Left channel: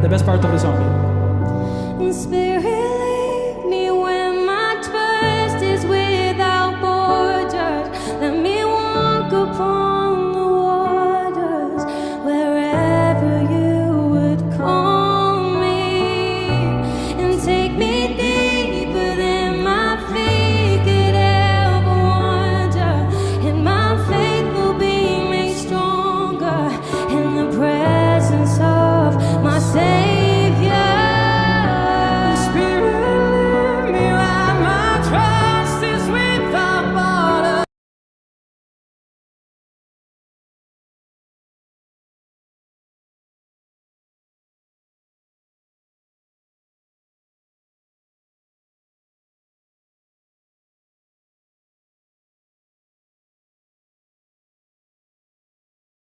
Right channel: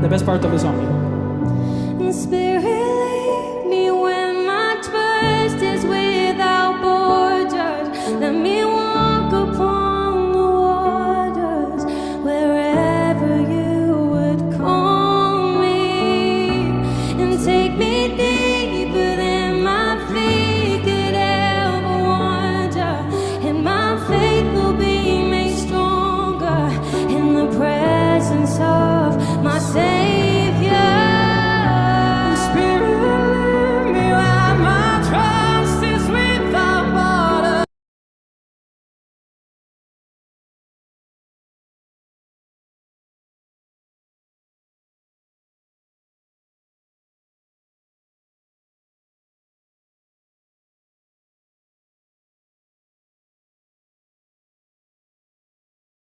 The best part of the song. Yeah. Spirit, lead me when my trust is without borders. Let me walk upon the waters wherever you would call me, and take me deeper than my feet could ever wander, and my faith will be made stronger in the presence of my Savior.